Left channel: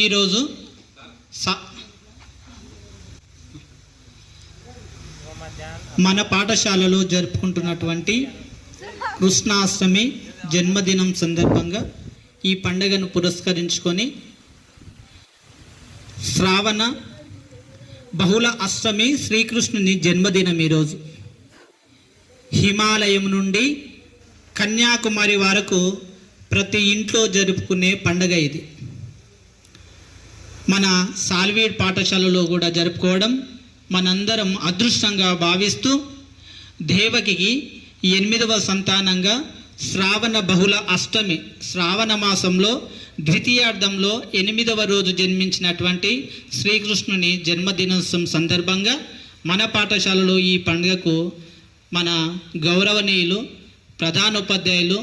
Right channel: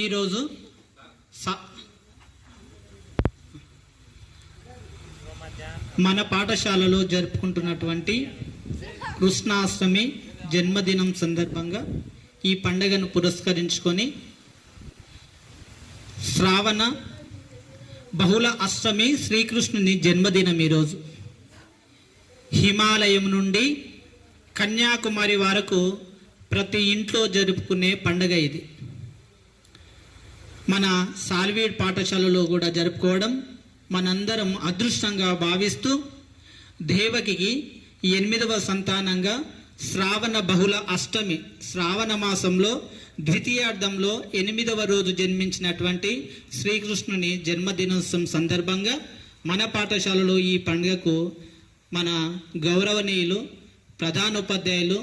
ఈరోజు మన పాఠశాలలో జరుపుకుంటున్నటువంటి కృష్ణాష్టమి జన్మదినం సందర్భంగా ఈ పండుగను పురస్కరించుకొని శ్రావణ బహుళ అష్టమి శ్రీకృష్ణుని జన్మదినం ఈరోజు. హిమాలయం నుండి కన్యాకుమారి వరకు ప్రతి ఇంట్లో జరుపుకునే పండుగ ఇది. మన సాల్వీడ్ పాఠశాలలో కూడా జరుపుకోవడం మనందరం అదృష్టంగా భావిస్తూ దేవకికి 8వ సంతానంగా శ్రావణ బహుళ అష్టమి శ్రావణ మాసంలో ద్వితీయార్థంలో 8వ రోజు జన్మించినటువంటి శ్రీకృష్ణుని జన్మదినోత్సవం సందర్భంగా మన పాఠశాలలో ఈ పండుగకు మన గౌరవనీయులు ప్రధానోపాధ్యాయులు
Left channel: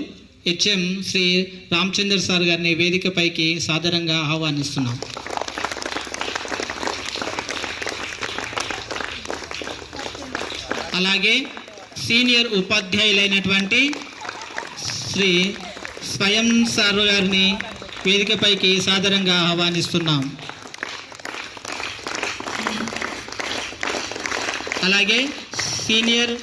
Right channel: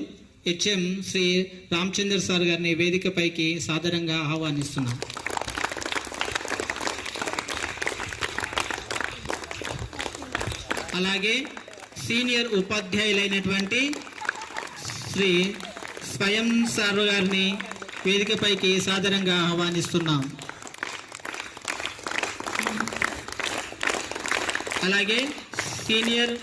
హెచ్ఎం శ్రీ రామచంద్ర సార్ గారిని వేదికపైకి సాదరంగా ఆహ్వానిస్తున్నాం. అలాగే సీనియర్ ఉపాధ్యాయులైనటువంటి శ్రీ స్వయం సార్ గారిని వేదికపైకి సాదరంగా ఆహ్వానిస్తున్నాం. అలాగే సీనియర్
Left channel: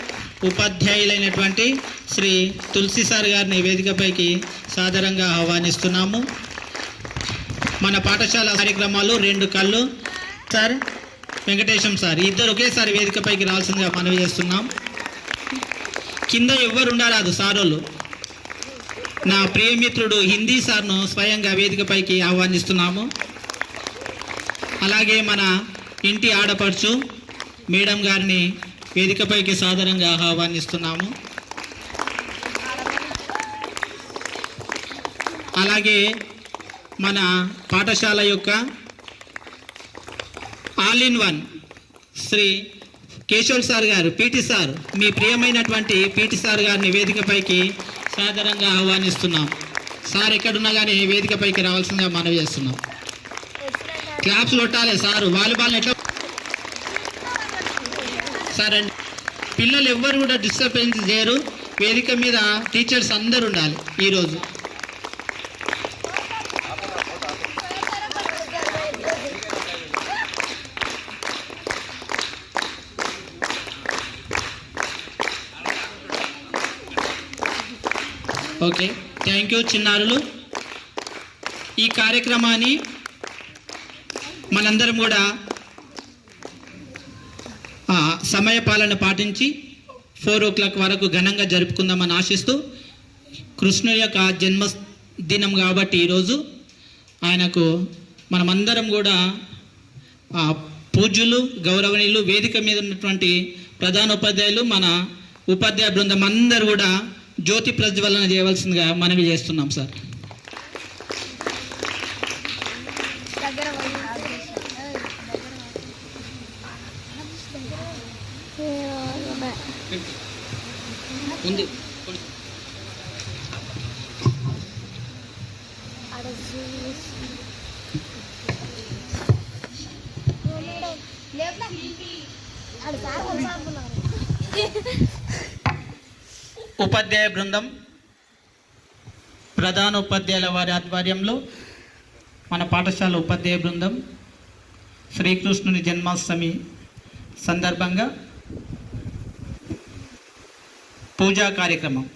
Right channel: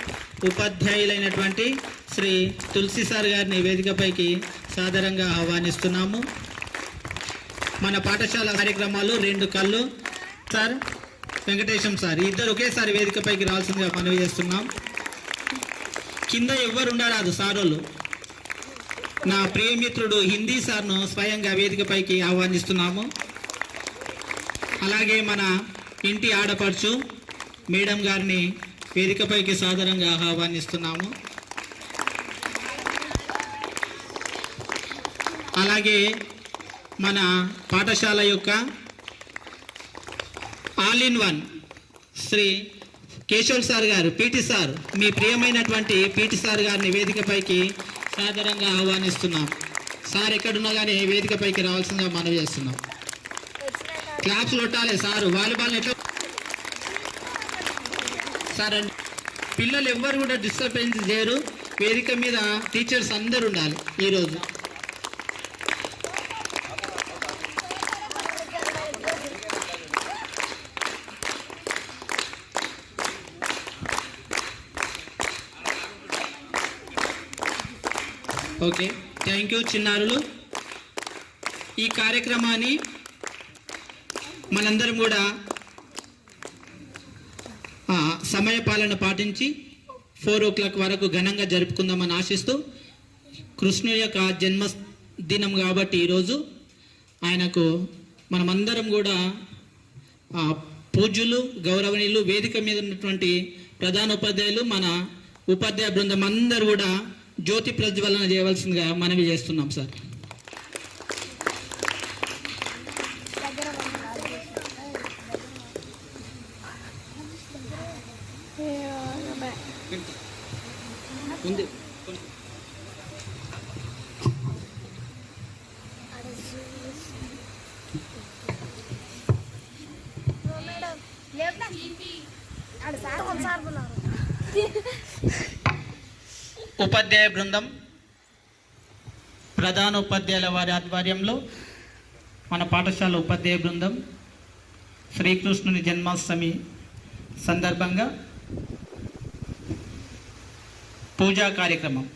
ఉపాధ్యాయులైనటువంటి శ్రీ తులసి సార్ గారిని వేదికపైకి సాదరంగా ఆహ్వానిస్తున్నాము. మన పాఠశాల కార్యక్రమాలు 2 కళ్ళు సార్ వెంకటేశం సార్ ఇద్దరు ఒకేసారి వేదికపైకి రావాల్సిందిగా మనవి చేస్తున్నాం. కింద ఎవ్వరు ఉండరాదు సారోళ్ళు. నా ప్రియమిత్రుడు హిందీ సార్ను స్వయంగా వేదికపైకి ఆహ్వానిస్తున్నాము. అలాగే మన ఇంటి ఆడపడుచు మేడం గారిని వేదికపైకి సాదరంగా ఆహ్వానిస్తున్నాము. అలాగే మన పాఠశాల యొక్క all in one Shri Keshav sir గారు పీటీ సార్ మీ ప్రియమైనటువంటి పీటీ సార్ గారిని వేదికపైకి సాదరంగా ఆహ్వానిస్తున్నాం. సార్ ఎక్కడున్నా కానీ వేదికపైకి రావాల్సిందిగా మనవి చేస్తున్నాం. క్లాప్స్ కొట్టాలి సారు. వాలీబాల్ ఎట్లా సార్ అండి పిల్లలు ఎవ్వరు కూడా డిస్టర్బెన్స్ చేయరు. వేదిక మీద టీచర్స్ అందరు ఉండాలి. ఈరోజు ఓకే, థ్యాంక్ యూ చిన్నారులు. ఈ కార్యక్రమాన్ని మనందరం కూడా సమయపాలన పాటించి 4 o'clock వరకు ఘనంగా జరుపుకుందామని ఆశిస్తూ, కృష్ణుని యొక్క జన్మదినం కాబట్టి ఈరోజు ఆయనకు మనమందరం కూడా పూజ్యులు, గౌరవనీయులు, వేదిక మీద ఉన్నటువంటి ప్రధాన ఉపాధ్యాయులు, మన ఉపాధ్యాయ బృందం అందరూ కూడా జ్యోతి ప్రజ్వలన చేయవలసిందిగా మనవి చేస్తున్నాం సార్. ఉంది ఉపాధ్యాయ బృందం, ప్రధాన ఉపాధ్యాయుల వారి ఆధ్వర్యంలో మన పాఠశాల ఉపాధ్యాయ బృందం శ్రీకృష్ణుని జన్మాష్టమి సందర్భంగా పూజా కార్యక్రమం.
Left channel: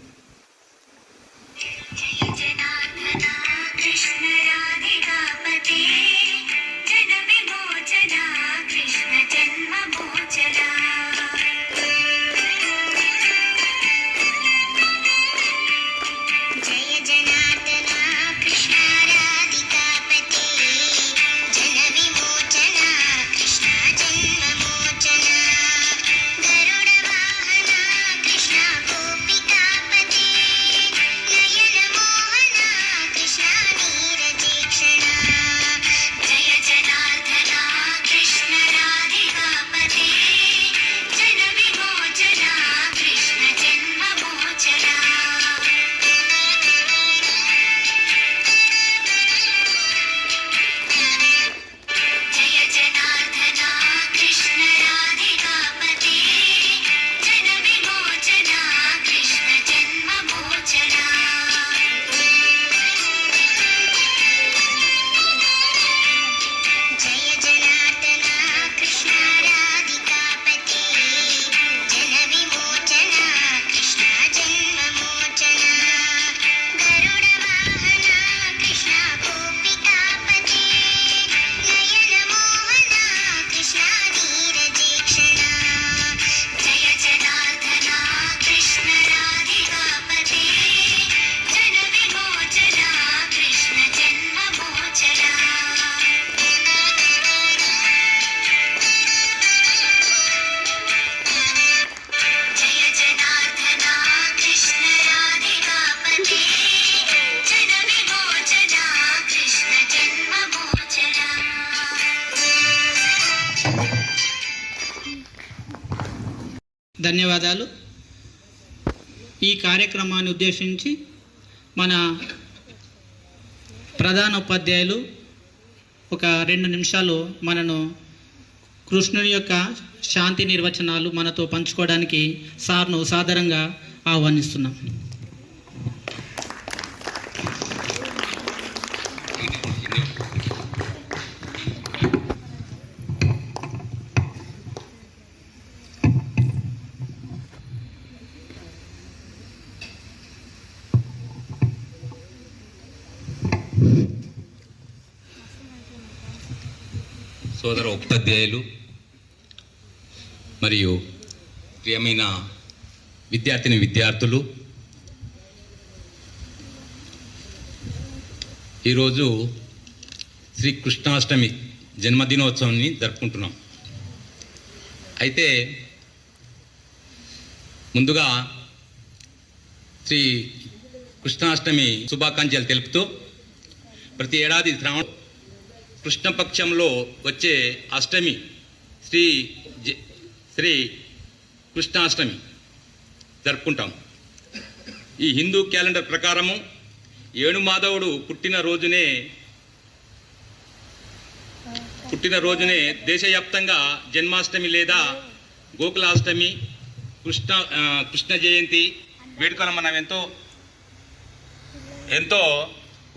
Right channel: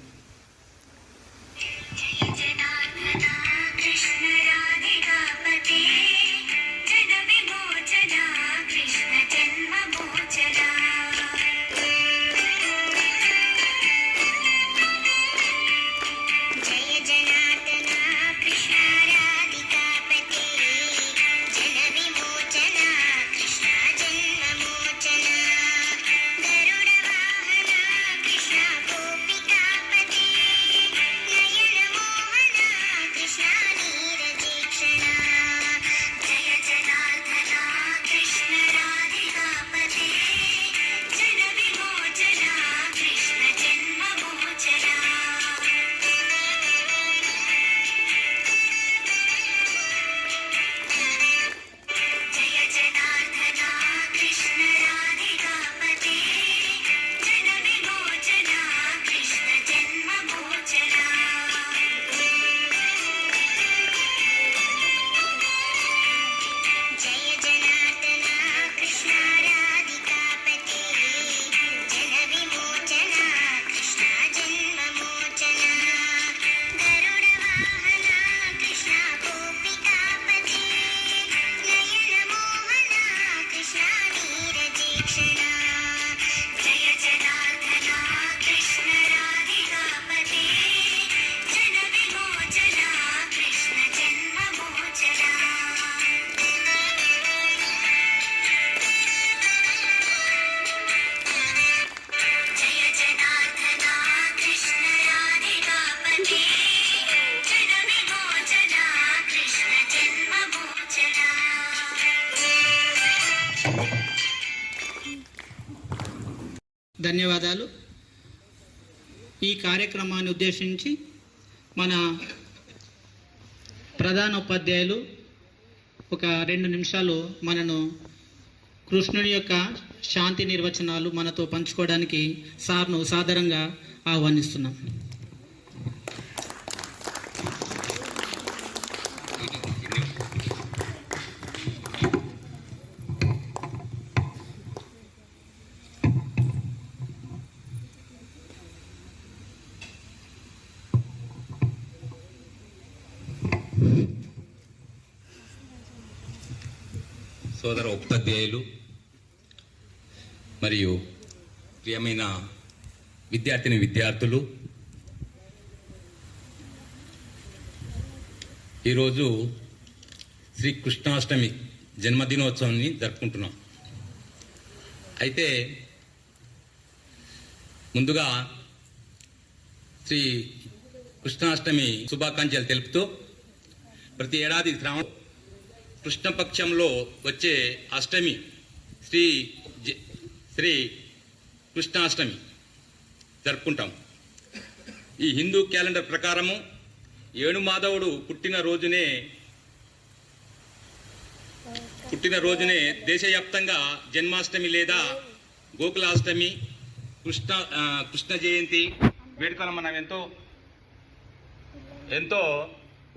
ధన్యవాదాలు. ఈ కార్యక్రమాన్ని ఉద్దేశించి మన ప్రధాన ఉపాధ్యాయులు ఒక 2 నిమిషాలు మనను కృష్ణుని యొక్క శాంతి నిర్వచనాలు మనతో పంచుకోవడానికి సార్ను సాదరంగా ఆహ్వానిస్తున్నాం. సోదర ఉపాధ్యాయులు మరియు ప్రియమైన విద్యార్థులు, ఈరోజు శ్రీ కృష్ణాష్టమి జన్మదినోత్సవాన్ని జరుపుకుంటున్నాం. అయితే ముందుగా శ్రీ కృష్ణాష్టమి శుభాకాంక్షలు తెలుపుతూ, ప్రతి ఏడాది శ్రావణ కృష్ణపక్షంలో వచ్చే అష్టమి శ్రీ కృష్ణాష్టమి జరుపుకుంటాం. ఈ హిందూ క్యాలెండర్ ప్రకారము ఏణుమాధవుడు పుట్టినరోజునే దేశవ్యాప్తంగా జన్మాష్టమి లేదా గోకులాష్టమి, కృష్ణ జయంతి వేడుకలను మనం ఎంతో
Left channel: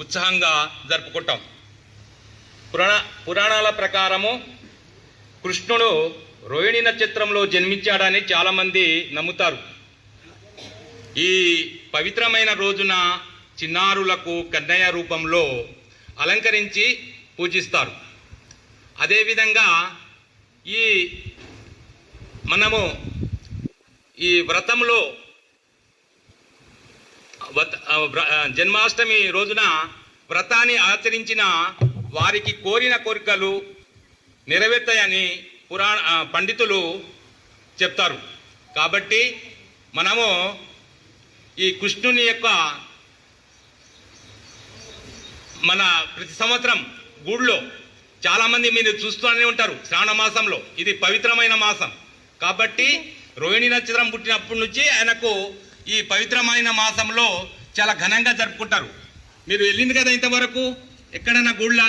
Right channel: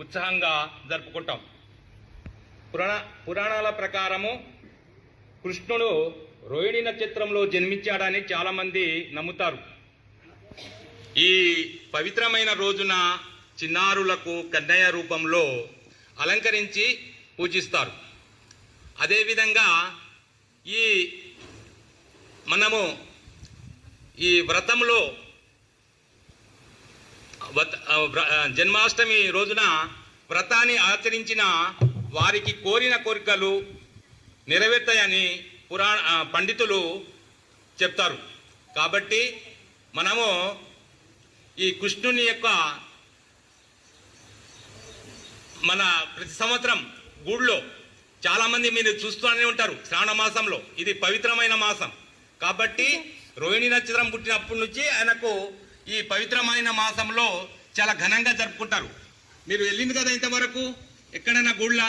ఉత్సాహంగా జరుపుకుంటాం. పురాణాల ప్రకారము కృష్ణుడు రోహిణి నక్షత్రంలో జన్మించాడని చాలామంది నమ్ముతారు. ఈ పవిత్రమైన రోజున చిన్నారులకు కన్నయ్య రూపంలో అలంకరించి పూజిస్తారు. అదేవిధంగా మనము ఈ వ్రతంలో జన్మాష్టమి రోజున వ్రతాన్ని ఆచరించిన వారికి కోరిన కోరికలు నెరవేర్తాయని పండితులు చెప్తారు. కాబట్టి మనము ఈ కృష్ణుని యొక్క మన ప్రతి సంవత్సరం గుడిలో చాలామంది మీరు చూస్తూనే ఉంటారు. శ్రావణ మాసంలో ఇది పవిత్రమైన మాసం కాబట్టి రోహిణి నక్షత్రం పుట్టినప్పటి నుంచి ఆయనకు ఈ పవిత్రమైన మాసంలో చాలా ఘనంగా జరుపుకుంటారు. మీరు వెళ్ళింది కదా ఇంతవరకు ఎక్కడైనా గుళ్ళ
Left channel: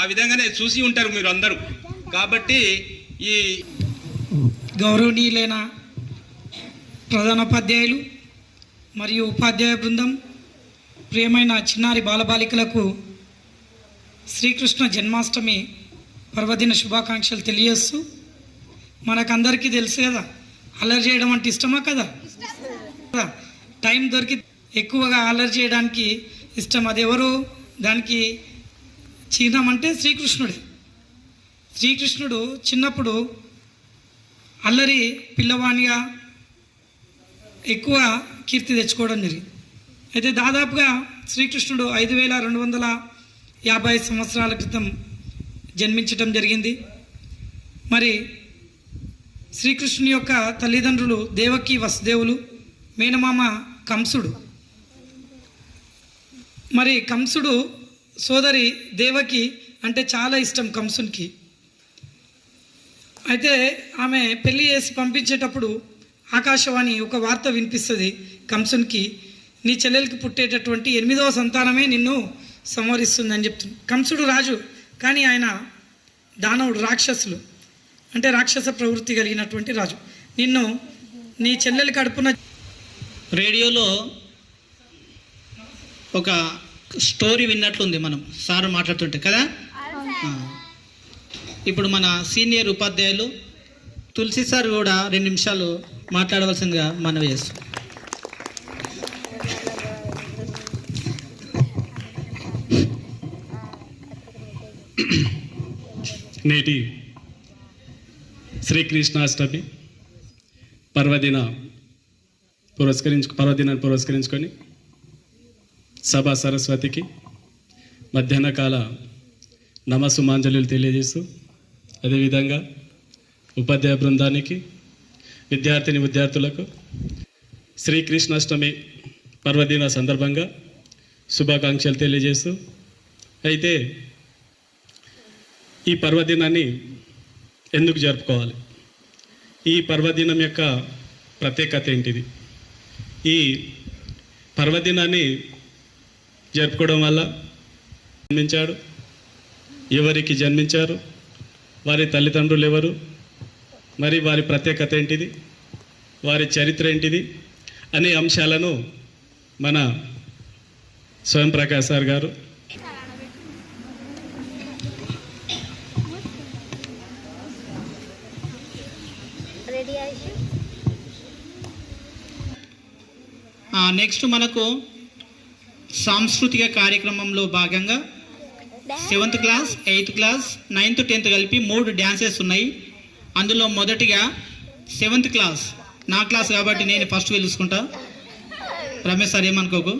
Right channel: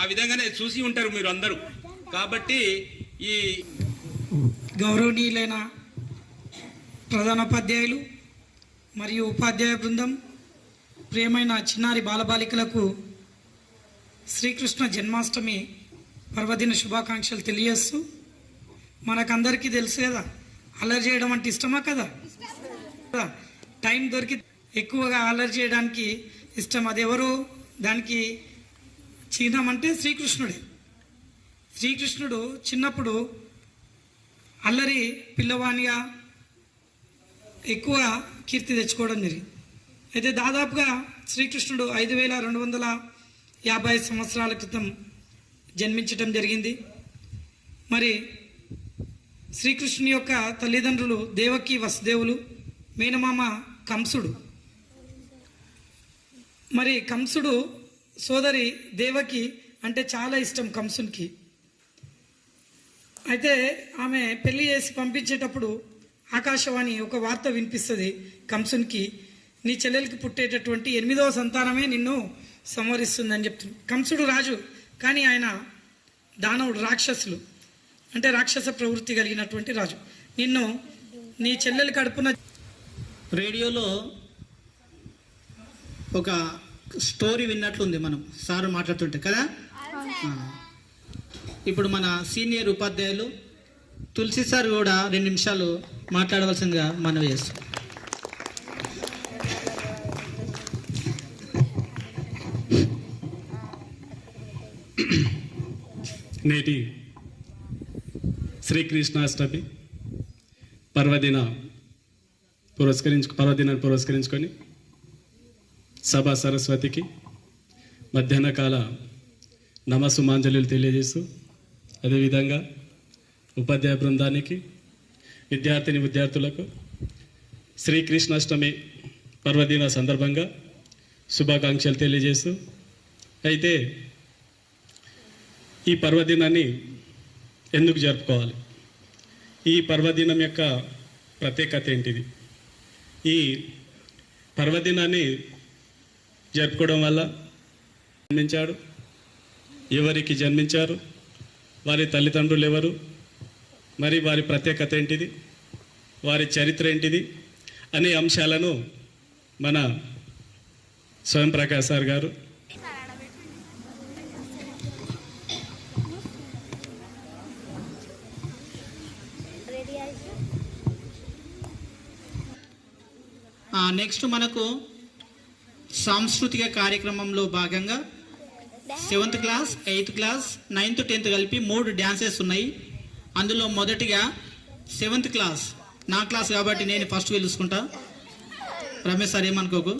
ఆ విధంగానే చూసి ఉంటారు మీరు అందరూ. కాబట్టి ఈ గౌరవనీయులైన ప్రధానోపాధ్యాయులు మరియు ఉపాధ్యాయ బృందం, ప్రియమైన చిన్నారి బాలబాలికలకు శ్రీకృష్ణ జన్మాష్టమి పర్వదిన శుభాకాంక్షలు తెలియజేస్తూ, మనకందరికీ తెలుసు కదా అల్లరి చేయడం అంటే ఇష్టమా కదా. టైం దొరికి ఎక్కువగా అల్లరి చేయడానికి ఇష్టం. అది ఎవరు దానికి చిహ్నం అంటే శ్రీకృష్ణుడే. శ్రీకృష్ణుడు చిన్నప్పుడు అల్లరి పిల్లవానిగా ఎక్కువ కీర్తి తెచ్చుకోవడం జరిగింది. అయితే దాదాపుగా శ్రీకృష్ణుడు 5250 సంవత్సరాల క్రితం జన్మించటం జరిగింది. మరి శ్రీకృష్ణుని యొక్క తల్లిదండ్రులు దేవకి వసుదేవులు, మేనమామ కంసుడు. మరి కంసుడు సోదరి దేవకి అంటే చాలా ఇష్టం కంసునికి. అయితే ఆమె పెళ్లి చేసి పంపించేటప్పుడు ఆకాశవాణి ఒక వార్త వినిపిస్తుంది కంసునికి, నీ చెల్లెలకి పుట్టేటటువంటి 8వ సంతానమే నిన్ను సంహరిస్తుందని చెప్తుంది. కంసుడు రాజు కానీ ఆయన దానవుడు, రాక్షసులు అంటే రాక్షస ప్రవృత్తి కలిగినటువంటి రాజు. నీ చెల్లెలి కడుపున రేడియోలో ఒక స్టోరీ విన్నట్లుంది మనం సార్ మాట్లాడుతుంటే కదా. ఇప్పుడు మన సీనియర్ ఉపాధ్యాయులు తులసి సార్ కూడా 2 నిమిషాలు మాట్లాడవలసిందిగా మనవి చేస్తాం. నేటి శ్రీకృష్ణాష్టమి పర్వదినాన్ని పురస్కరించుకొని సభా సరస్వతికి మధ్యాహ్న కాల నమస్సుమాంజలులు తెలియజేస్తూ, అదేవిధంగా ఉపాధ్యాయ బృందానికి, విద్యార్థులకు శ్రీకృష్ణాష్టమి పర్వదిన సందర్భంగా శుభాకాంక్షలు తెలియజేస్తూ, అయితే ఈ పర్వదినాన్ని ఎందుకు జరుపుకోవాలి, ఈ పర్వదినం యొక్క ప్రత్యేకత ఏంటిది, ఈ పర్వదినాన్ని జరుపుకోవడం వల్ల జన్మించాడు, ఎవరికి జన్మించారు, వారి తల్లిదండ్రులు ఎవరు, మరి వారి ప్రత్యేకత ఏంటిది, వారి చరిత్ర ఏంటిది అనే అంశాలను మన స్వయం ప్రకాష్ సార్ గారు నెక్స్ట్ మనకు సాంస్కృతిక కార్యక్రమంలో భాగంగా 7th class, 8th class, 9th, 10th కలిపి 3 డ్యాన్సెస్ ఉన్నాయి. అందులో మొదటిగా 7th క్లాస్, నా క్లాస్ కాబట్టి నేను ఫస్ట్ పిలుచుకుంటా. రమేష్ సార్ ఏమనుకోకు.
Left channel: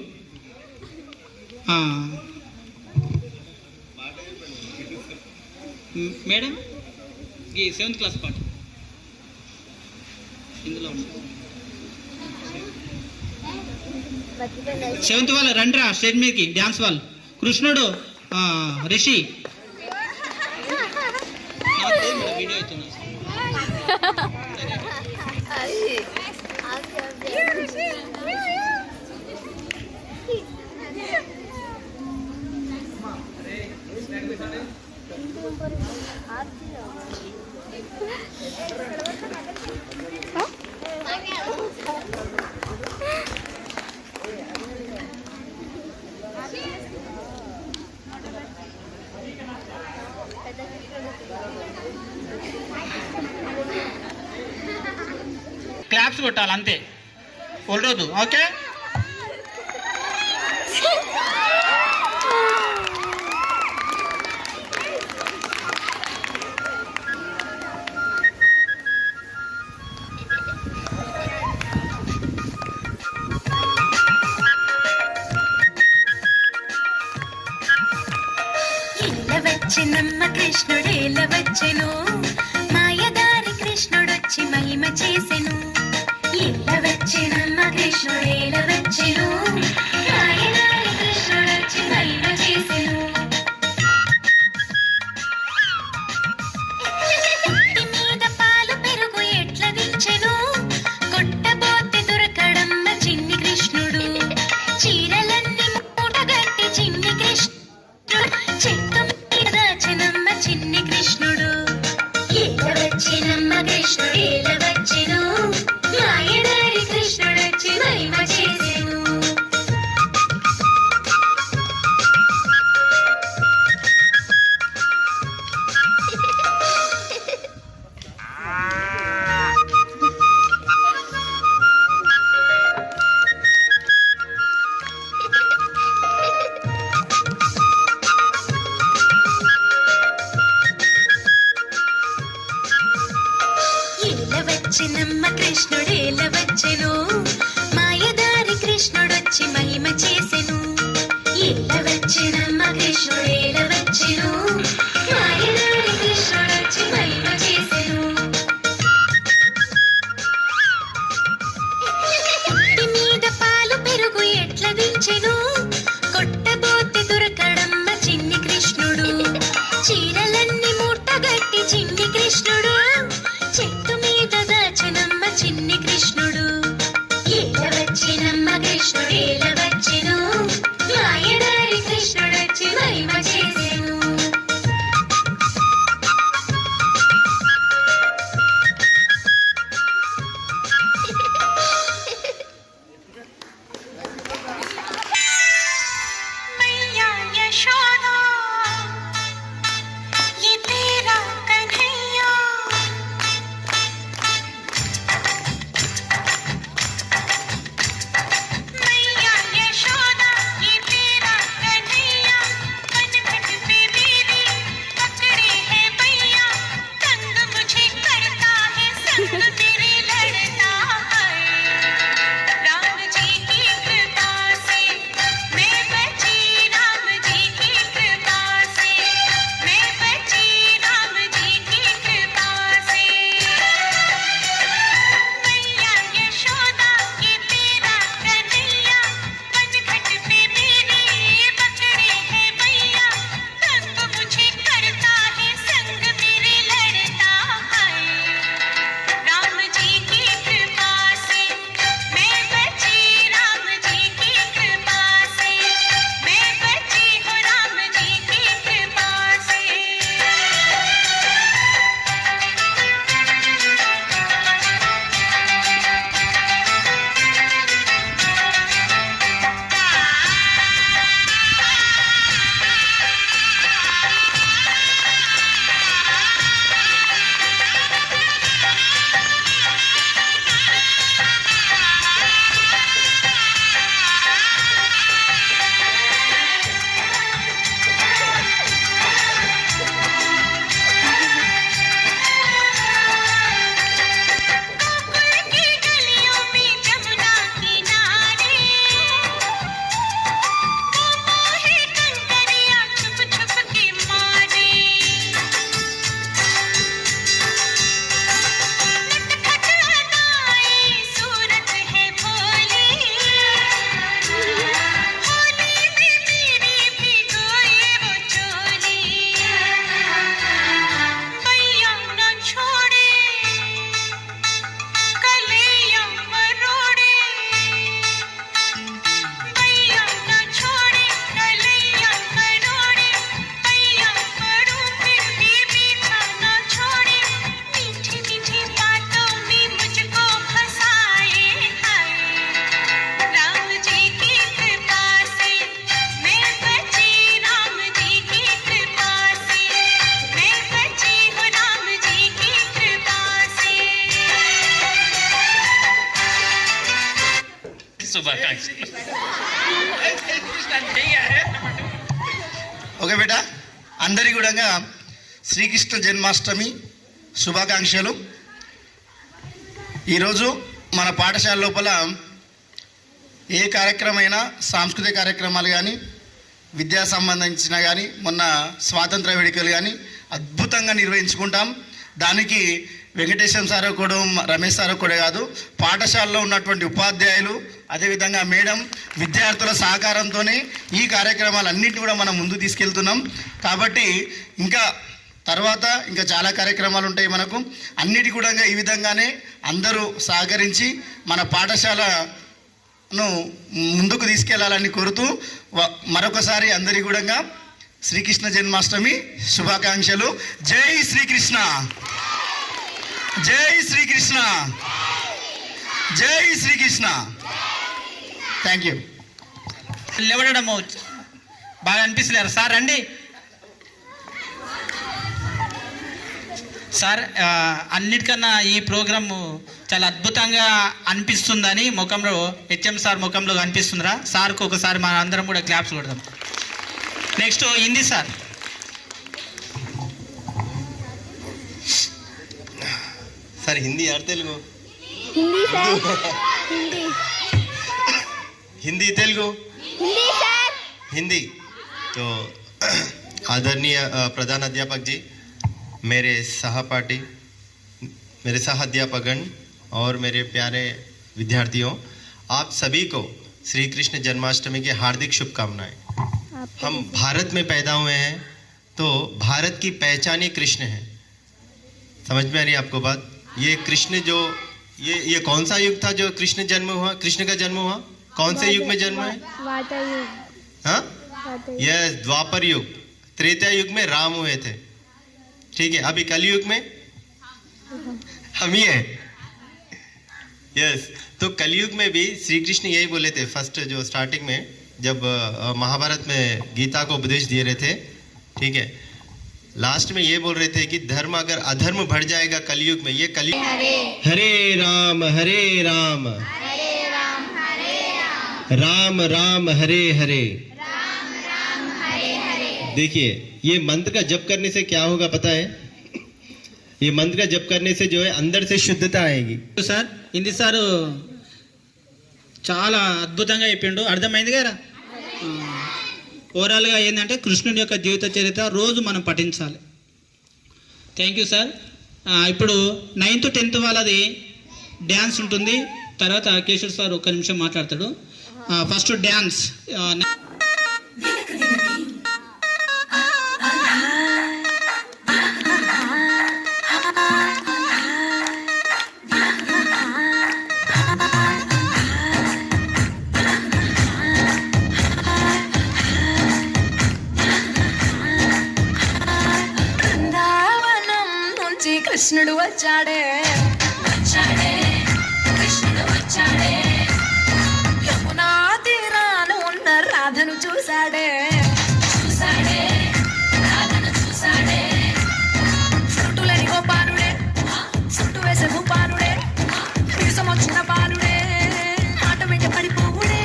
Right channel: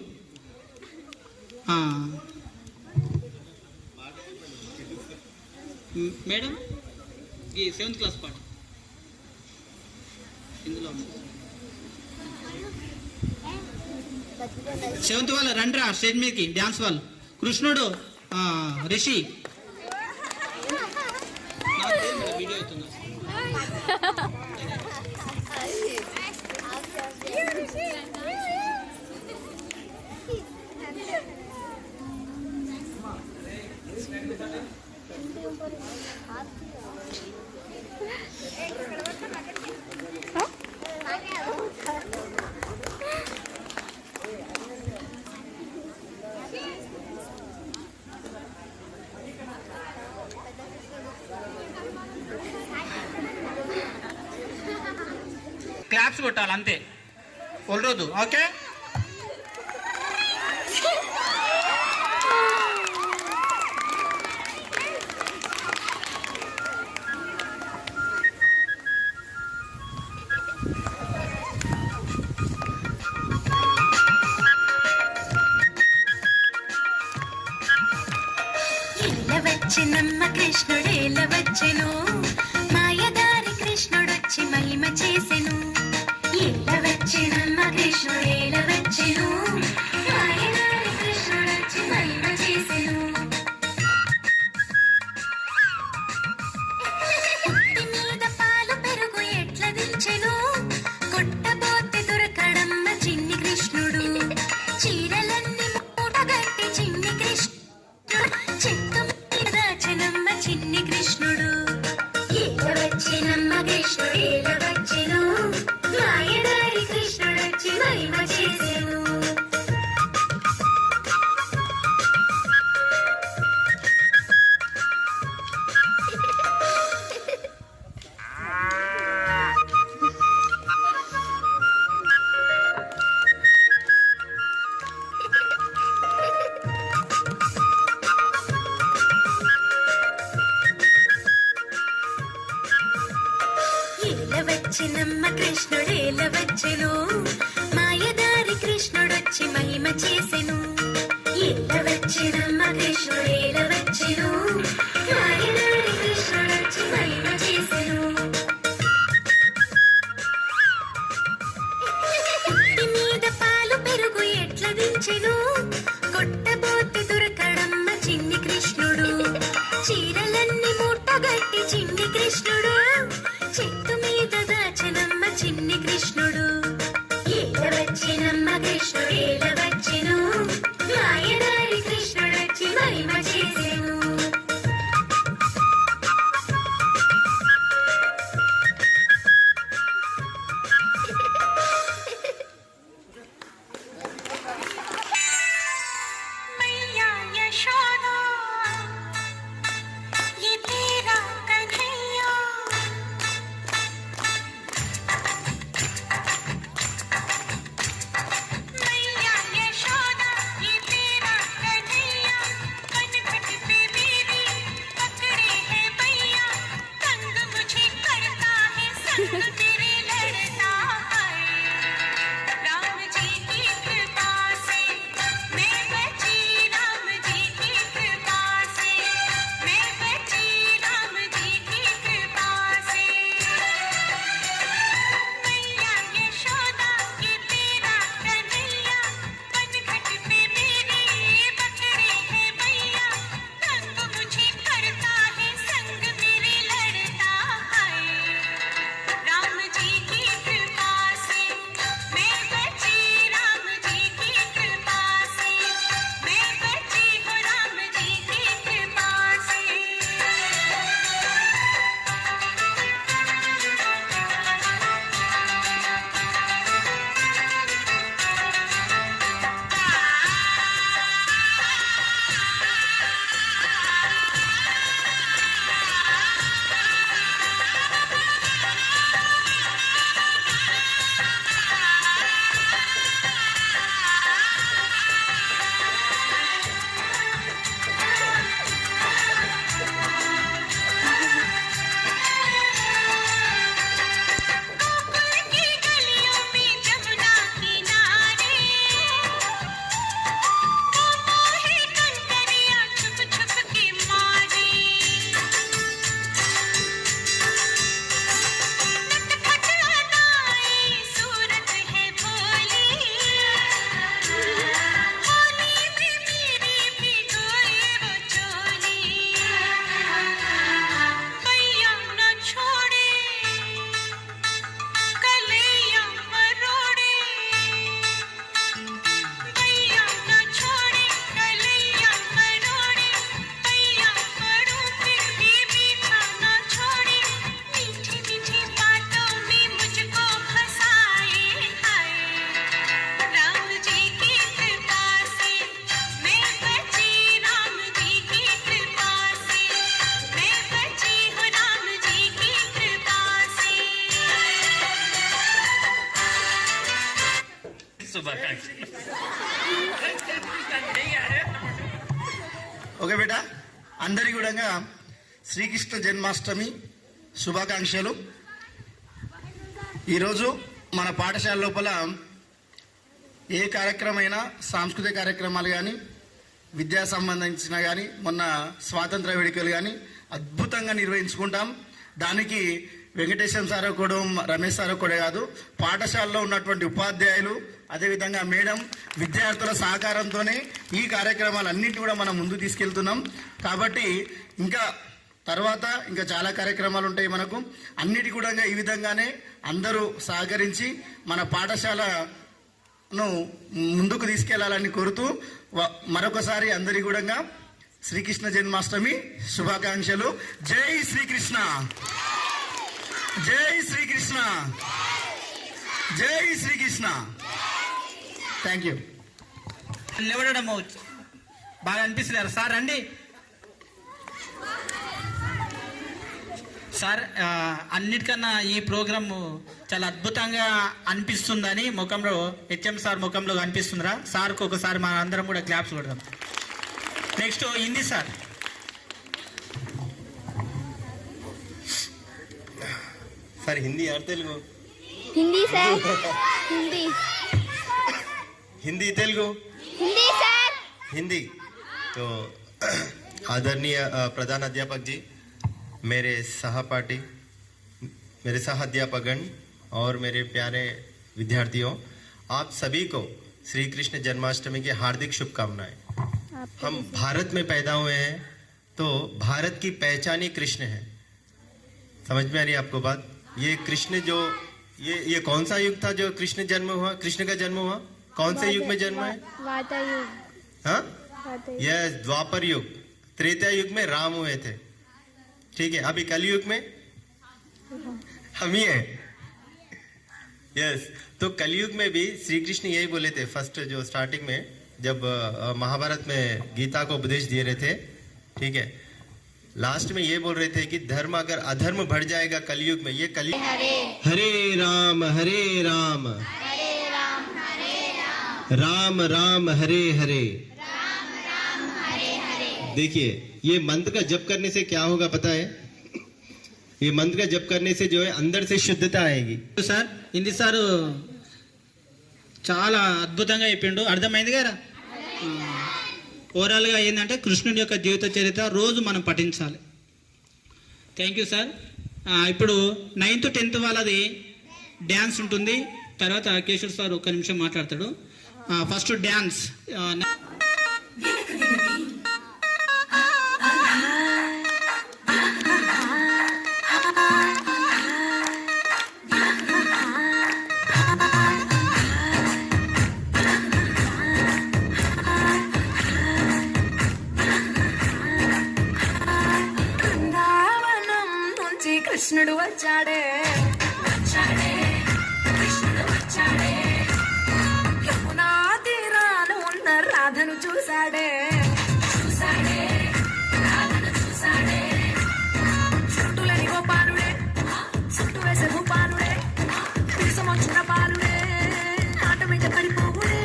మేడం ఈ 7th క్లాస్ పాట ఇందులో 7th వాళ్ళు రండిరా స్టేజ్ మీదకి, డ్యాన్స్ వాళ్ళు. కృష్ణుడు, రిషి వీడియో అవుతున్నా. క్లాప్స్ కొట్టాలి అంతే, రోజు ఓకే. వచ్చినమ్మ కృష్ణుడేల వచ్చెను మాయదారి కృష్ణుడొచ్చి మహిమ చేసెను ఏల వచ్చినమ్మ కృష్ణుడేల వచ్చెను మాయదారి కృష్ణుడొచ్చి మహిమ చేసెను పుట్టి మీద పాలు పెరుగు ఎట్ల దించెను కొట్టబోతే దొరకడమ్మ చిన్ని కృష్ణుడు చీరలన్నీ మూటగట్టి చిన్ని కృష్ణుడు చెట్టు మీద దాచెనమ్మ చిన్ని కృష్ణుడు ఏల వచ్చినమ్మ కృష్ణుడు ఏల వచ్చెను మాయదారి కృష్ణుడొచ్చి మహిమ చేసెను ఏల వచ్చినమ్మ కృష్ణుడేల వచ్చెను మాయదారి కృష్ణుడొచ్చి మహిమ చేసెను ఏల వచ్చినమ్మ కృష్ణుడేల వచ్చెను మాయదారి కృష్ణుడొచ్చి మహిమ చేసెను పుట్టి మీద పాలు పెరుగు ఎట్ల దించెను కొట్టబోతే దొరకడమ్మ చిన్ని కృష్ణుడు చీరలన్నీ మూటగట్టి చిన్ని కృష్ణుడు చెట్టు మీద దాచెనమ్మ చిన్ని కృష్ణుడు ఏల వచ్చినమ్మ కృష్ణుడు ఏల వచ్చెను మాయదారి కృష్ణుడొచ్చి మహిమ చేసెను मैया यशोदा ये तेरा कन्हैया मैया यशोदा ये तेरा कन्हैया कनखट पे मेरी पकड़े है भैया तंग मुझे करता है संग तेरे लड़ता है राम जी की कृपा से मैं बची राम जी की कृपा से मैं बची राम जी की कृपा से मैया यशोदा ये तेरा कन्हैया कनखट पे मेरी पकड़े है भैया तंग मुझे करता है संग मेरे लड़ता है राम जी की कृपा से मैं बची राम जी की कृपा से मैं बची हूँ राम जी की कृपा से गोकुल की गलियों में जमुना किनारे वो मोहे कंकरियां छुप छुप के मारे नटखट अदाए सूरत है भोली होली में मेरी भिगोए वो चोली भैया न छोड़े कलिया मरोड़े भैया न छोड़े कलिया मरोड़े भैया पड़ो फिर भी पीछा न छोड़े मीठी मीठी बातों में मुझको फंसाए हाय राम जी की कृपा से मैं बची राम जी की कृपा से मैं बची हूँ राम जी की कृपा से శుభాకాంక్షలు. ఓకే బేటా అందరికీ కూడా శ్రీకృష్ణ జన్మాష్టమి శుభాకాంక్షలు. ఈరోజు మన పాఠశాల లోపల ఏ కార్యక్రమమైనా సాంస్కృతిక కార్యక్రమాలు కానీ విద్యా సంబంధించిన కానీ మొన్న స్వాతంత్ర వేడుకలు కానీ అద్భుతంగా నిర్వహించుకుంటాం. దానికి వెంకటేశ్వర సార్ కూడా రమేష్ సార్ కూడా కాదు, పాఠశాలలో ఉన్నటువంటి ఉపాధ్యాయులు అదేవిధంగా మేడం విద్యార్థుల సహకారంతోనే ఈ కార్యక్రమాలన్నింటి కూడా మనం ముందు తీసుకెళ్తున్నాం. కాబట్టి ఇంకా తర్వాత ఇంకా చాలా కార్యక్రమాలు ఉంటాయి మనకు. అన్నిటి కూడా ఈ విధంగానే అందరూ సహకరించి మన పాఠశాలను ముందుకు తీసుకెళ్లాలని కోరుతూ మరొకసారి అందరి కూడా శ్రీకృష్ణ జన్మాష్టమి శుభాకాంక్షలు. జై శ్రీకృష్ణ, జై శ్రీకృష్ణ, జై శ్రీకృష్ణ. Thank you. లేవడం బాగా అనిపిస్తలేరు సార్. రండి సార్. అన్నిటికన్నా ఈ ప్రోగ్రాము చాలా అద్భుతంగా అనిపిస్తుందని ముఖంలో హెచ్ఎం సార్ ముఖంలో అనిపిస్తుందిరా. సార్కి ఒకసారి మన అందరం కూడా క్లాప్స్ కొడదాం. Next Hindi sir. Sir Hindi और तेलुगु? हिंदी सर, हिंदी हिंदी तेलुगु? हिंदी सर, हिंदी. तो आदरणीय प्रधान अध्यापक जी, मेरे सहपाठी, मेरे सह अध्यापकगण और मेरे प्यारे विद्यार्थियों, आप सभी को श्री कृष्ण जन्माष्टमी की हार्दिक शुभकामनाएं. हम भारत में पैदा हुए हैं तो भारत की पहचान ही कृष्ण है. समझ में आ रही है आपको बात? ये कृष्ण जो ये कौन सा युग था जो कृष्ण जन्म हुआ, कृष्ण का जन्म हुआ? कौन से युग में जन्म है? वाता युग. हाँ, वाता युग. यह द्वापर युग. त्रेता युग में राम हुए थे. ठीक है, अभी कलयुग में हम ही हैं. यस, तो कलयुग में भी श्री कृष्ण यही बोले थे फर्स्ट जो स्टार्टिंग में जब महाभारत में गीता को उपदेश दिए रहे थे. ठीक है, लास्ट में ये बोल रहे थे कि धर्म अगर अधर्म बढ़ जाएगा कलयुग में, ये कलयुग हरे हरे राम हरे राम, राम राम हरे हरे. देखिए ये मंत्र का जप करने से क्या होगा पता है? ये मंत्र का जप करने से जो है अंदर से शुद्धता आएगी. సార్ హిందీ సారు చాలా అద్భుతంగా చెప్పిండు. అర్థమైంది కదా? ఓవరాల్గా ఏంటంటే కృష్ణుడి యొక్క జీవిత చరిత్ర రోజు మనం పఠించాలి. Thank you sir. ఇప్పుడు 9th 10th వాళ్ళది డ్యాన్స్ ఉంటుంది. తర్వాత కేశవ్ సార్ ఒక నిమిషం మాట్లాడతాడు. First dance. బృందావనం నుంచి కృష్ణుడు వచ్చాడే, వచ్చాడే, కృష్ణుడు వచ్చాడే. యమునా తీరాన ఉన్న రాధను చూశాడే, చూశాడే, రాధను చూశాడే. చుట్టులని గోపాలుడే, చుట్టు వేసే భూపాలుడే, వీసమొచ్చిన పాలుడే, ఆట వెంట పడిపోవుడే.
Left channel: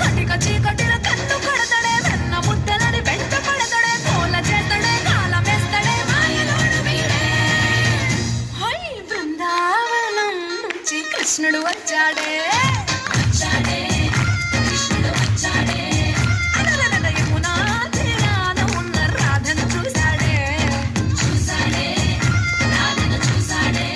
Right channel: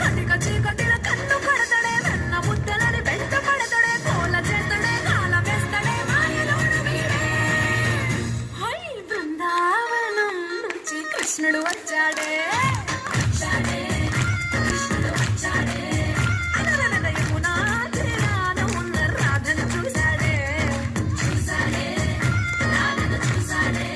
కటిక చీకటిల కన్ను కొడతాడే, వెన్న ముద్దలని వెంట పడతాడే, కోల చేస్తాడే, కాల వేస్తాడే, మాయలోడు వీడే. హై బృందావనం నుంచి కృష్ణుడు వచ్చాడే, వచ్చాడే, కృష్ణుడు వచ్చాడే. అలరల యమునా తీరాన ఉన్న రాధను చూశాడే, చూశాడే, రాధను చూశాడే.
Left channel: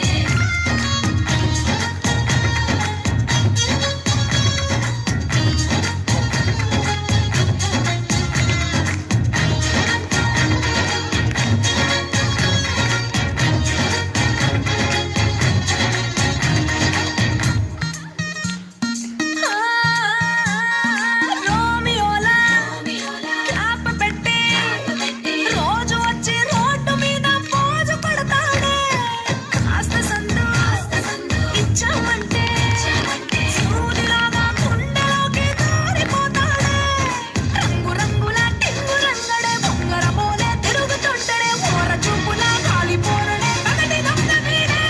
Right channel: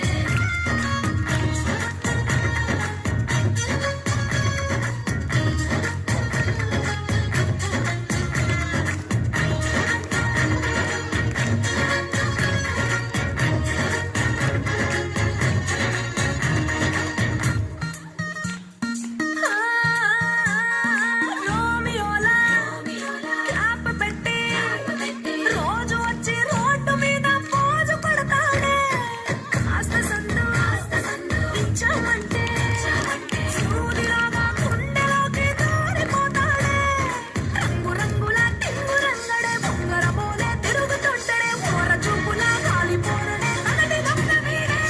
రోమియోలా క్లాప్ పెట్టి రోజు వచ్చి రోడ్డు మీద పోజు పడతాడే. కాస్త సందు ఇచ్చామంటే సూదిలాగా గుండెలోకి దూరిపోతాడే. రంగు రంగుల టింగు రంగడే, బొంగరమోలే తిరుగుతుంటడే, ఓర చూపులే కాలిపోరడే, పగటి దొంగ వీడే.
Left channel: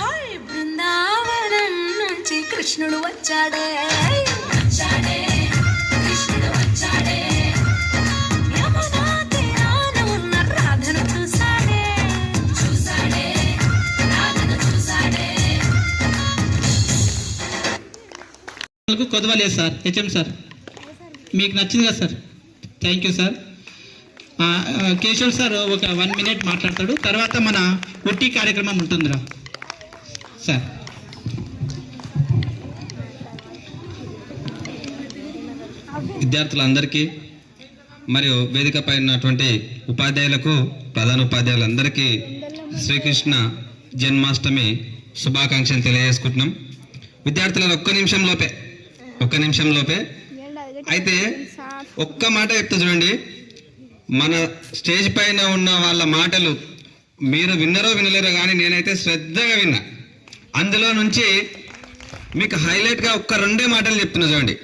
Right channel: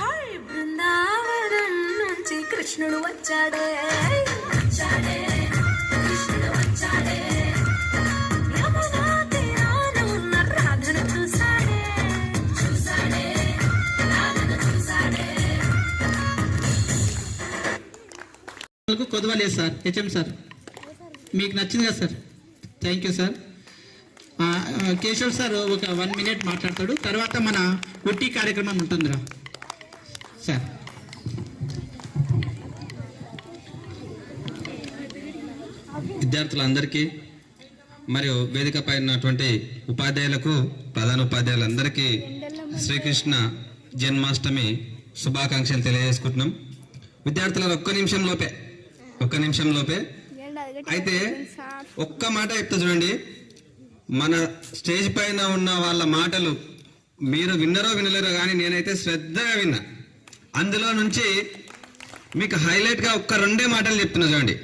హై బృందావనం నుంచి కృష్ణుడు వచ్చాడే, వచ్చాడే, కృష్ణుడు వచ్చాడే. యమునా తీరాన ఉన్న రాధను చూశాడే, చూశాడే, రాధను చూశాడే. కొదవలేదు సార్. HM sir. మీకు నచ్చింది కదా sir? Thank you sir. Keshav sir ఒక 1 minute మాట్లాడతాడు, తర్వాత మన ఉట్టి కార్యక్రమం ఉంటుందిరా సార్. విద్యార్థులందరికీ మరియు వేదికపై ఉన్నటువంటి ఉపాధ్యాయులకు, ప్రధాన ఉపాధ్యాయులందరికీ శ్రీకృష్ణ జన్మాష్టమి శుభాకాంక్షలు తెలియజేసుకుంటున్నాం. విద్యార్థులు ఒక్క నిమిషం లోపే అయితే ఒక్క మాట చెప్తా చూడండి. మన స్టేజ్ పైన ఉన్న వాళ్ళ మాటలు మీరు విన్నరో వినలేరో కానీ నేనైతే శ్రద్ధగా విన్నా. అందులో నుంచి మీకు హైలైట్గా ఒక్క 2 మాటలు చెప్తున్నా చూడండి.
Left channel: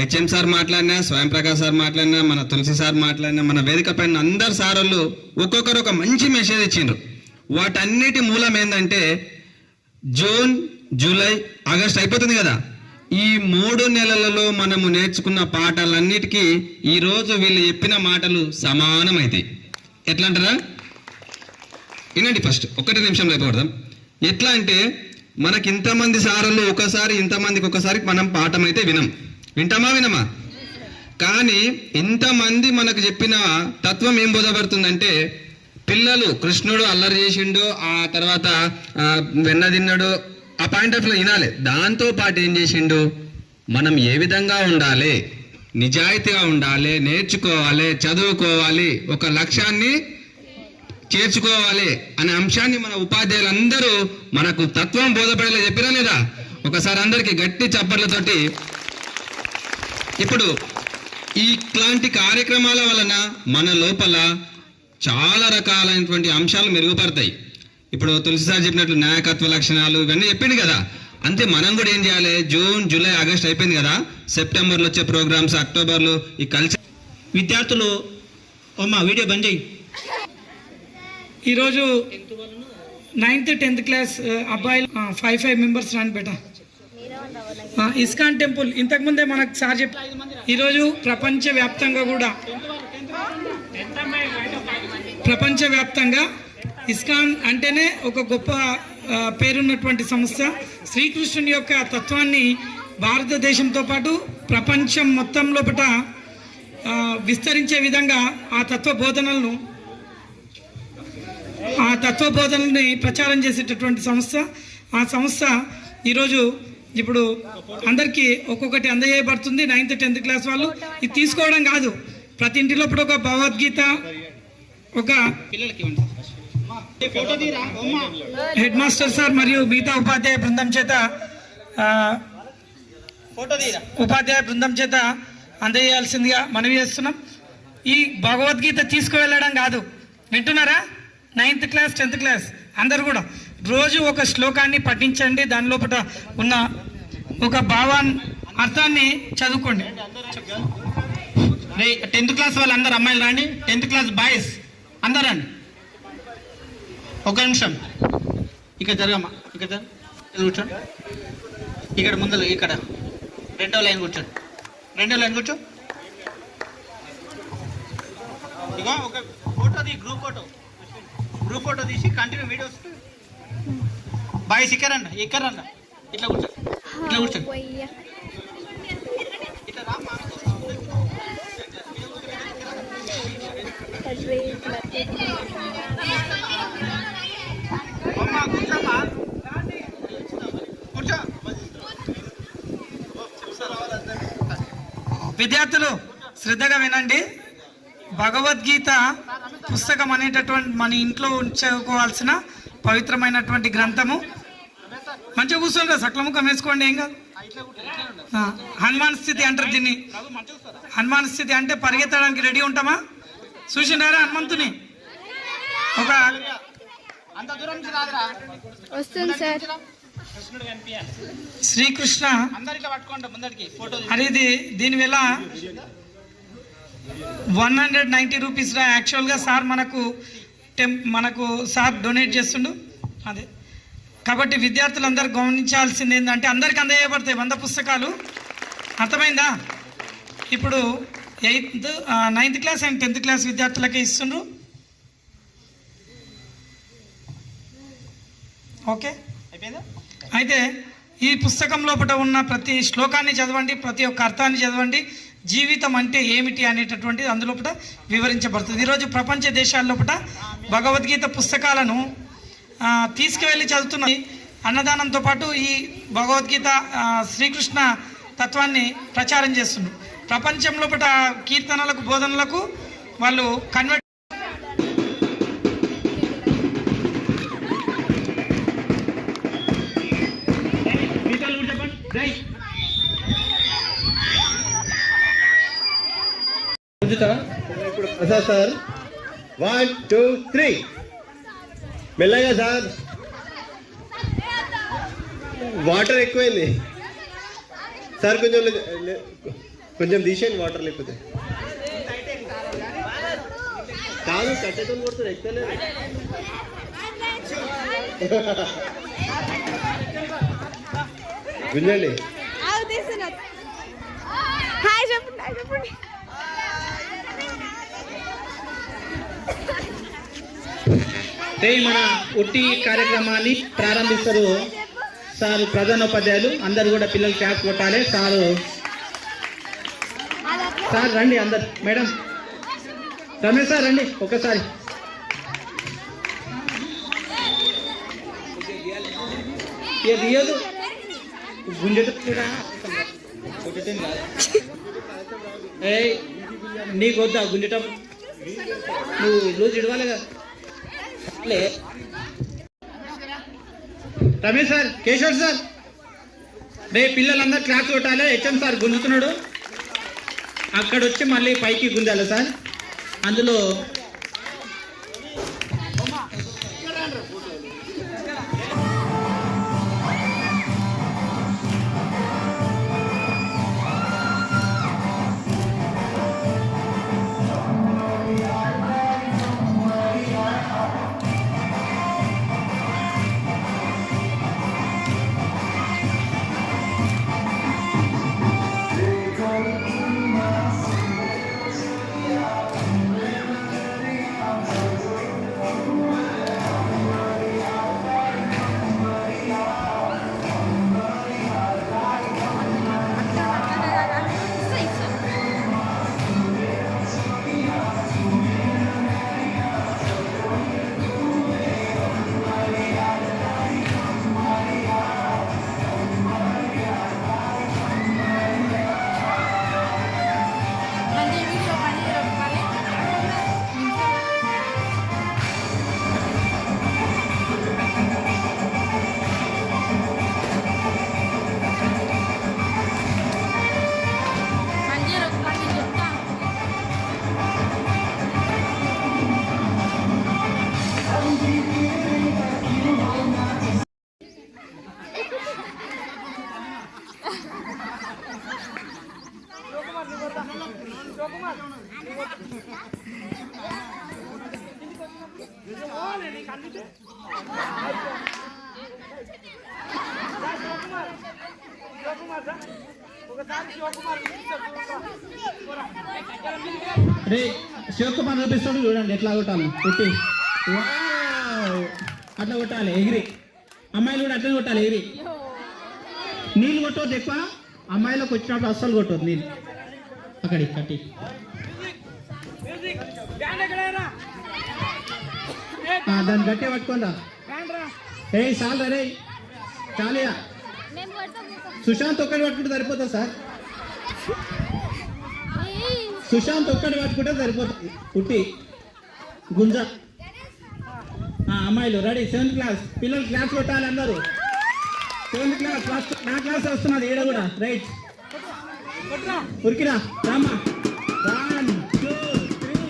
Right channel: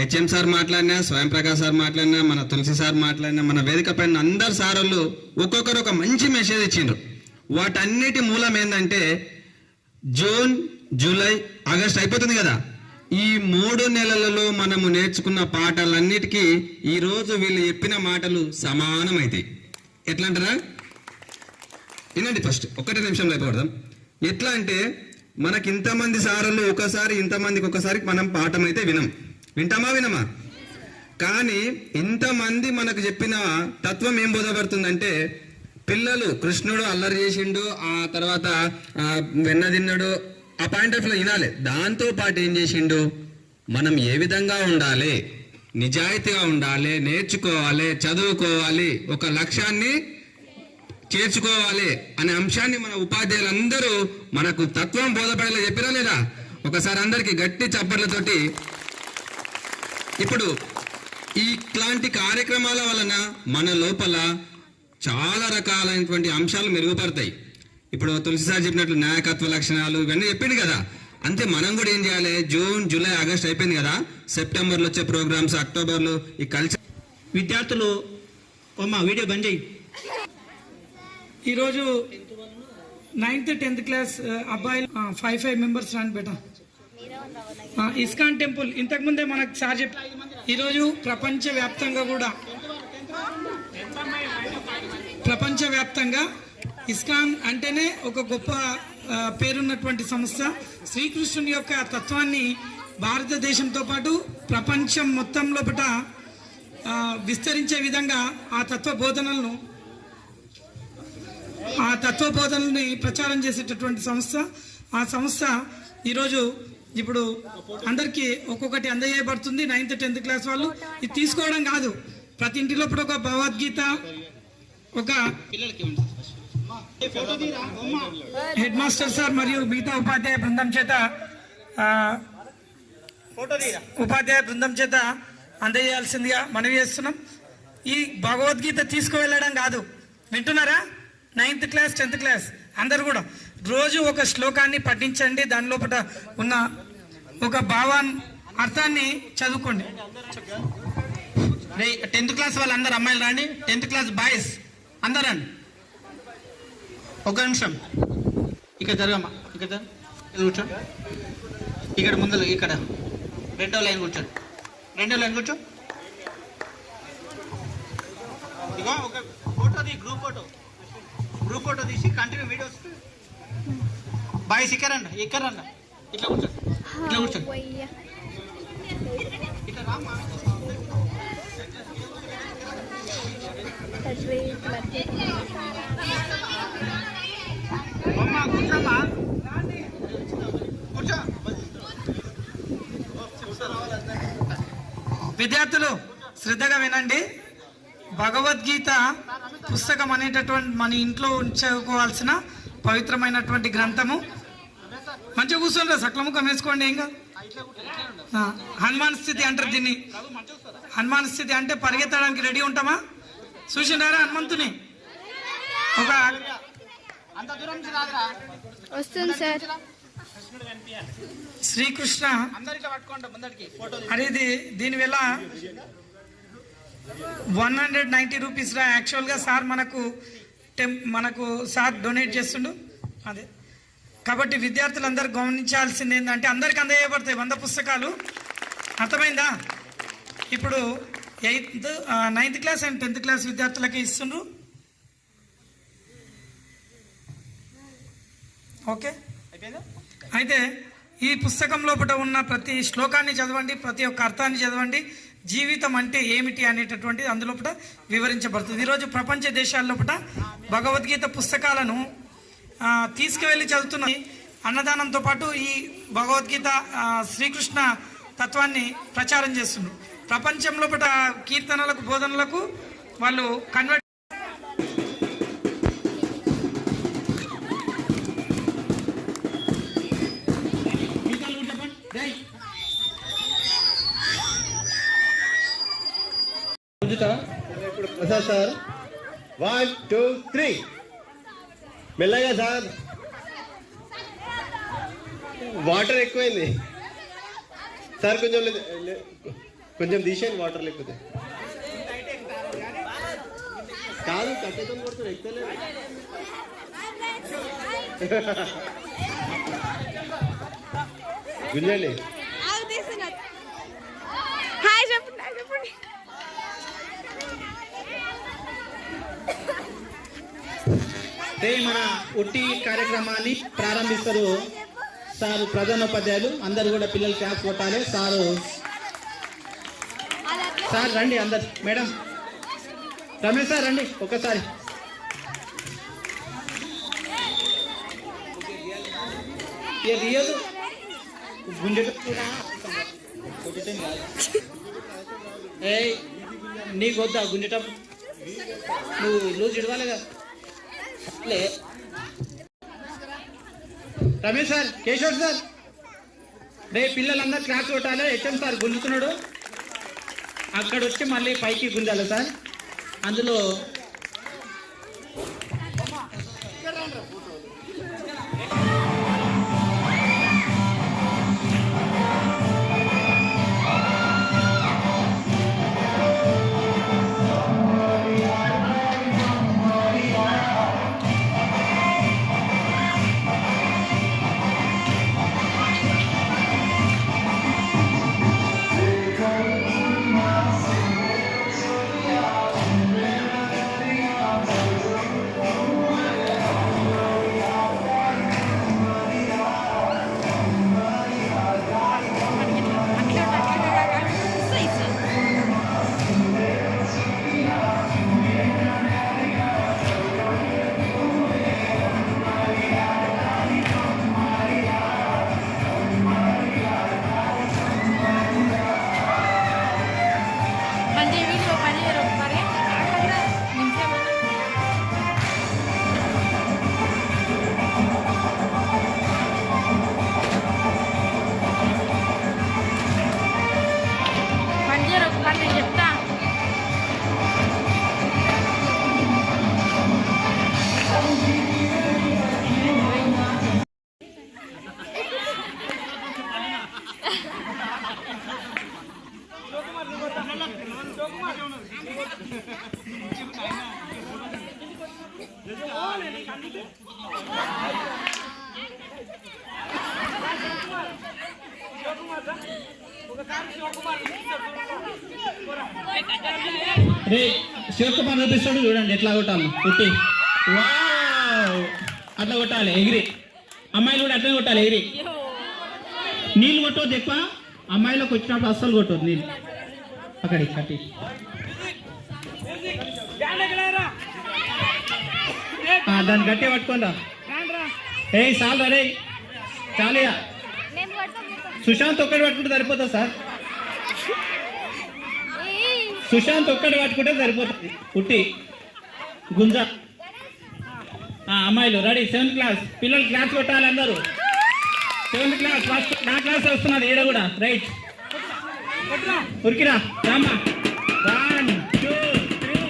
హెచ్ఎం సార్ మాట్లాడినా, స్వయం ప్రకాష్ సార్ మాట్లాడినా, మన తులసి సార్ మాట్లాడినా, మన వేదిక పైన అందరు సార్లు ఒక్కొక్కరు ఒక మంచి మెసేజ్ ఇచ్చిండ్రు. వాటన్నిటి మూలం ఏంటంటే జూన్, జూలై, ఆగస్ట్ అయిపోతుంది కదా, ఈ 3 నెలలలో మనము నేర్చుకున్న పాఠాలన్నిటికీ ఈరోజు వీళ్ళు చెప్పిన మాటలు సమానమైతాయి. ఎట్లా అంటారా? వినండి. ఫస్ట్ 1 నిమిషంలో అయిపోవడం. ఎట్లా అంటే మనకి ఇంతమంది సార్లు ఒకసారి, ఇంతమందికి ఒకసారి మనం పాఠం అయితే వినమా? కానీ ఇంతమంది మనకు చెప్పిన తత్వం ఏం బోధపడుతుందంటే, పిల్లలు కృష్ణుడు అల్లరి చేసిండు, ఆ తర్వాత వెన్న తిన్నాడు, ఆ పాయింట్ ఆఫ్ లో వినాలి. దాంతో పాటు ఏం చేసిండు, మనం ఏ విధంగా ఉండాలి, నిజాయితీగా ఉండాలి, నేర్చుకోవాలి, చదువుకోవాలి, ఒక లక్ష్యాన్ని చేర్చుకోవాలి అనే అంశాన్ని మన ఉపాధ్యాయులందరూ మనకు తత్వం బోధపడేలా చెప్పిరా లేదా? ఒకసారి అందరికి గట్టి చప్పట్లతోటి. ఇప్పుడు ఇట్లాంటి కార్యక్రమాల వలన మన లోపల చాలా రకాలైనటువంటి అంశాలు మెరుగుపడతాయి. ఇప్పుడు తులసి సార్ చెప్పినట్లు నాయకత్వ లక్షణాలు ఇవన్నీ చెప్పింది కదా. అంతే మనం కూడా ఏం చేయాలి, జూన్, జూలై, ఆగస్ట్ అయిపోయింది కదా, సెప్టెంబర్లో వచ్చే ప్రోగ్రామ్స్, అక్టోబర్లో ఈ కల్చర్. విద్యార్థులు వీడియో బంద్ చేయి. ఈరోజు 9th 10th క్లాస్ అబ్బాయిలు 5 members రాని బేట. ఇస్కాన్ టెంపుల్ ఇంతకుముందే మనకు సార్ చెప్పి, ఈరోజు ప్రపంచవ్యాప్తంగా ఇస్కాన్ అంటేనే ఒక గొప్ప పేరున్నటువంటి సంస్థ. శ్రీకృష్ణుని యొక్క తత్వాన్ని భారతదేశంతో పాటు ప్రపంచం మొత్తం లోపల విస్తరించే విధంగా ఆ తత్వబోధనల్ని ప్రచారం చేసేటటువంటి సంస్థ. ఆ సంస్థ ఈరోజు ఇప్పుడు అందరికీ ఒక్కొక్కటి అందజేయబడుతుంది. 9th 10th క్లాస్ వాళ్ళు ఇది తీసుకోవడం కాదు, ప్రతి ఇంటి లోపల ఒక భగవద్గీత, ఒక హెడ్ మాస్టర్ సార్ మరియు మిగతా ఉపాధ్యాయ బృందం చేత అందజేయాల్సిందిగా మనవి చేస్తున్నాం. ఈ భగవద్గీత తీసుకువెళ్ళడం కాదు, వింటున్నారా? 9th క్లాస్ 10th క్లాస్ అందరు కూడా రోజు ఒక శ్లోకాన్ని పఠించండి, దాని లోపల ఉన్న ఒక అర్థాన్ని చదువుకోండి. 10th క్లాస్ వాళ్ళు అందరు అమ్మాయిలు రండి, 10th క్లాస్ బాయ్స్ అందరు రండి. 1 నిమిషం ఇక్కడ జరగమ్మా, ఇక్కడ కూర్చోండి. ఇక్కడ ముందు, ఇక్కడ 2వ లైన్ కూర్చోండి. 2వ లైన్ కూర్చో. ఇక ఒక ఫోటో గ్రూప్ ఫోటో తీసి కంటిన్యూ వీడియోస్. బాయ్స్ ఇక్కడ రండి, ఇట్లా కూర్చోండి. విద్యార్థులు శ్రద్ధగా వినండి. భగవద్గీత పుస్తకం అనేటటువంటి మన ఇంట్లో ఉంచుకోవాల్సిన పవిత్రమైనటువంటి గ్రంథము. మంచిగా కూర్చోండి, సక్లముఖం వేసుకోండి, ఏం కాదు. హనుమాన్ స్థితి అంటారు దీన్ని. హనుమాన్ స్థితి అంటే పరిగెత్తడానికి రెడీ ఉంటామా? చూసిండారా హనుమంతుని? ఒక వస్తుంది సార్. శ్రీకృష్ణ అనేది దీనివల్ల 190 రూపీస్ రా. యాక్చువల్గా సార్ మనకు సార్ డొనేట్ చేస్తుండు అదే. కాబట్టి విద్యార్థులందరూ గమనించాల్సింది ఏంటంటే అందరికి అందజేయబడతాయి 100 పుస్తకాలు. అర్థమైందా? ఇప్పుడు 9th class and 10th class విద్యార్థులకే ఇస్తుండ్రు. ఓకే, అయితే ఈ పుస్తకం లోపల ఉన్న ప్రతి శ్లోకాన్ని చదవండి, ప్రతి ఒక్క అర్థాన్ని చదవండి. జీవితం అంటే ఏమిటి అనేటటువంటిది అందులోపట వివరించబడుతుంది. ఈరోజు ప్రపంచ దేశాల్లోపట భగవద్గీత పుస్తకాలను తీసుకువెళ్ళి చదువుతున్న అన్నదానంతో పాటు ఈ భగవద్గీత శ్రీకృష్ణ తత్వాన్ని ప్రచారం చేస్తున్నారు. ప్రపంచంలో కీర్తనలకు బోధనలకు వాళ్ళు కన్వర్ట్. ఇప్పుడు ప్రసాద్ సార్ 1 2 3 మెల్లగా సార్. వాటర్ ఎక్కువైంది సార్, కొంచెం తీసేయండి వాటర్, లేకపోతే కాదు కట్టెతో కొడుతుంది ఎక్కలేదు. గుంజండి. హాయ్ చెప్పండి, హాయ్ చెప్పండి. మన ఉట్టి కార్యక్రమాన్ని ప్రారంభిస్తారు సార్, ప్రధానోపాధ్యాయులు అందరు కూడా పిల్లలు క్లాస్ కొట్టాలి. సార్ రండి అందరు. మేడం రమేష్ సార్ రండి ఒక్కసారి. రియదు గుండె నీకు వద్దా గుండెటప్పుడు నువ్వు లూజ్ ఇడవాలి కదా. రమేష్ సార్, కేశవ్ సార్, రే పిల్లలందరూ క్లాస్ కొట్టాలి. హెచ్ఎం సార్ గుంజుతున్నాడు, అక్కడ వచ్చి మళ్ళీ పైకి గుంజాలి సార్. అందులో రే శివకుమార్ నటిస్తాడు, చూడండి ఎట్లా కొట్టాలి. కొట్టి అట్లా కొట్టాలి ఎగిరి. అమ్మాయిలు కూడా అట్లా కొట్టాలి ఎగిరి. నీళ్ళు కొట్టవద్దు ఎక్కువ, అమ్మాయిలకు వచ్చినప్పుడు అస్సలు కొట్టవద్దు నీళ్ళు. అక్కడి కట్టి దాన్ని గట్టి పట్టుకోండా. ఏ చాలు రే, చాలియా. సుశాంత్ ఒక్కటి పట్టుకుంటే సరిపోతుంది సార్, సుశాంత్ ఒక్కటి పట్టుకుంటే సరిపోతుంది. పుట్టి గుంజ. అమ్మాయిలు రెడీ. 7th క్లాస్ పిల్లలు క్లాస్ కొట్టాలి అందరూ. 7th క్లాస్ నా క్లాస్ వస్తున్నది ఈడ కూడా. రైట్ ఉరికిరా రామా. 1 2 3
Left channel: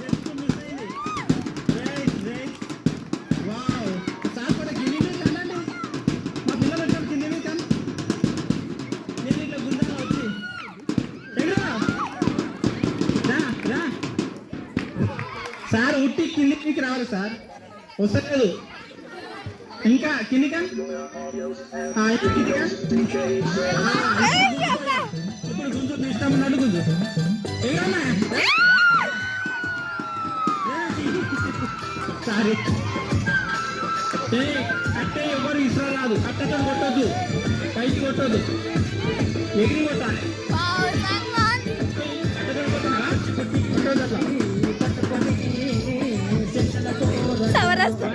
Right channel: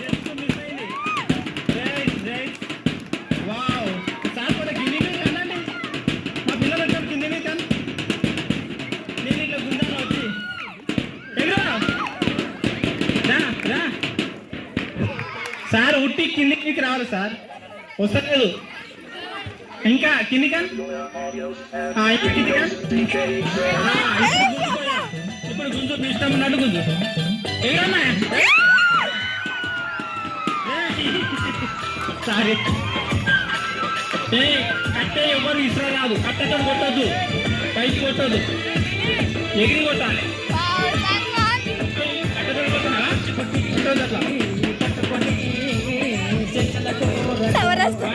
జస్ట్ మిస్ అయింది. Right right. వావ్ సార్ కూడా కింది మీద కనండి. మా పిల్లలు వచ్చారు కింది మీద కన్. నేను ఇట్లా గుంజాలో వచ్చి ఎగురా రా రా. సార్ ఉట్టి కిందికి రావాలి సార్, వస్తలేదు ఇంకా కింది కన్. కింది కన్. ఇప్పుడు గుంజు మీ ఇష్టం ఉన్నట్టు గుంజు. ఎగురన్నా. సారీ కట్టే ఎవరు ఇసురా రాదు. కట్టతో కొట్టొద్దు, పైకి కొట్టొద్దు, ఎగిరి కొట్టాలి. సవరాస్తా